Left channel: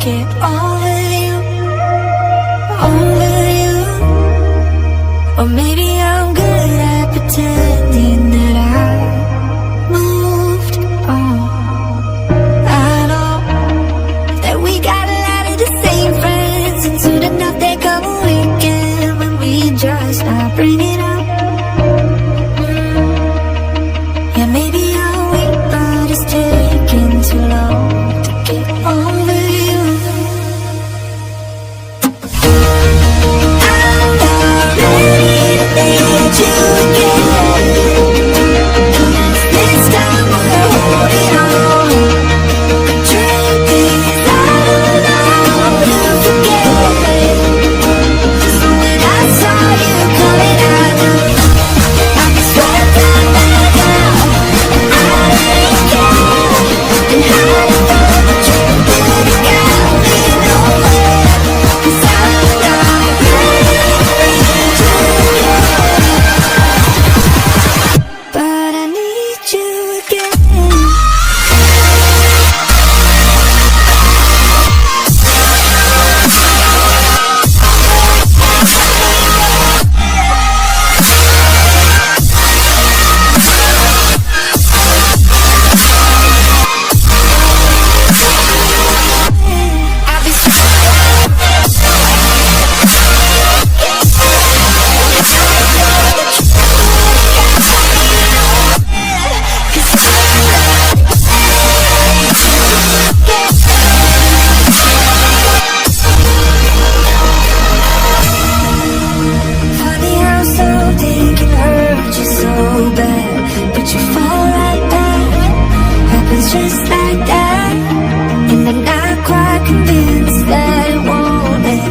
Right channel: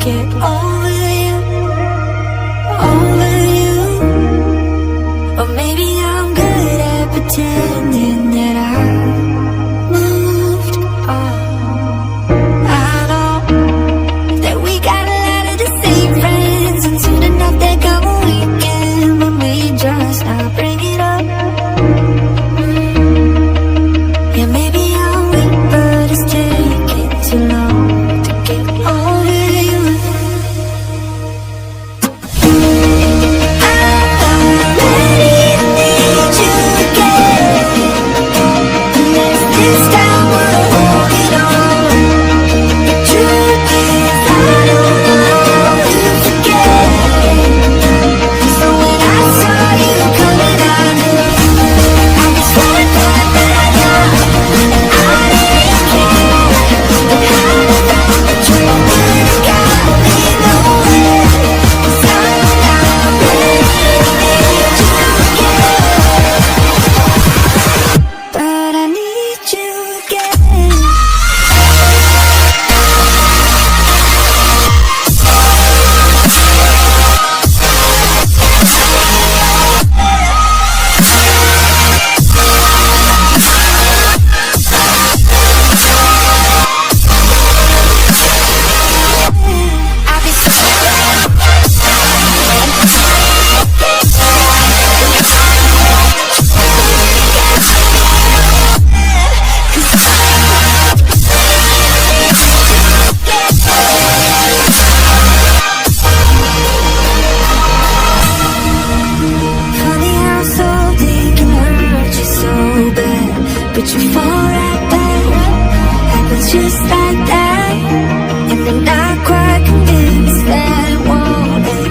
get over you, over you. Or maybe I'm good at pretending that I moved on. I know that we got a lot of the same friends, and soon enough there come a weekend when we just not bring it up. Yeah, maybe I'll wait, but it's taking too long to get over you. I'm not ready to need you again. This time we're holding on. The truth is I don't know how to forget. So when I saw you coming out, I was sweating like that now. I didn't care, and I just thought that you would've got me nowhere. 'Cause I'm not ready to need you again, but I need you again. I'll be so funny how something can hurt you so bad, but you fall right back. Happens just like that, and I'm not quite convinced that it won't end.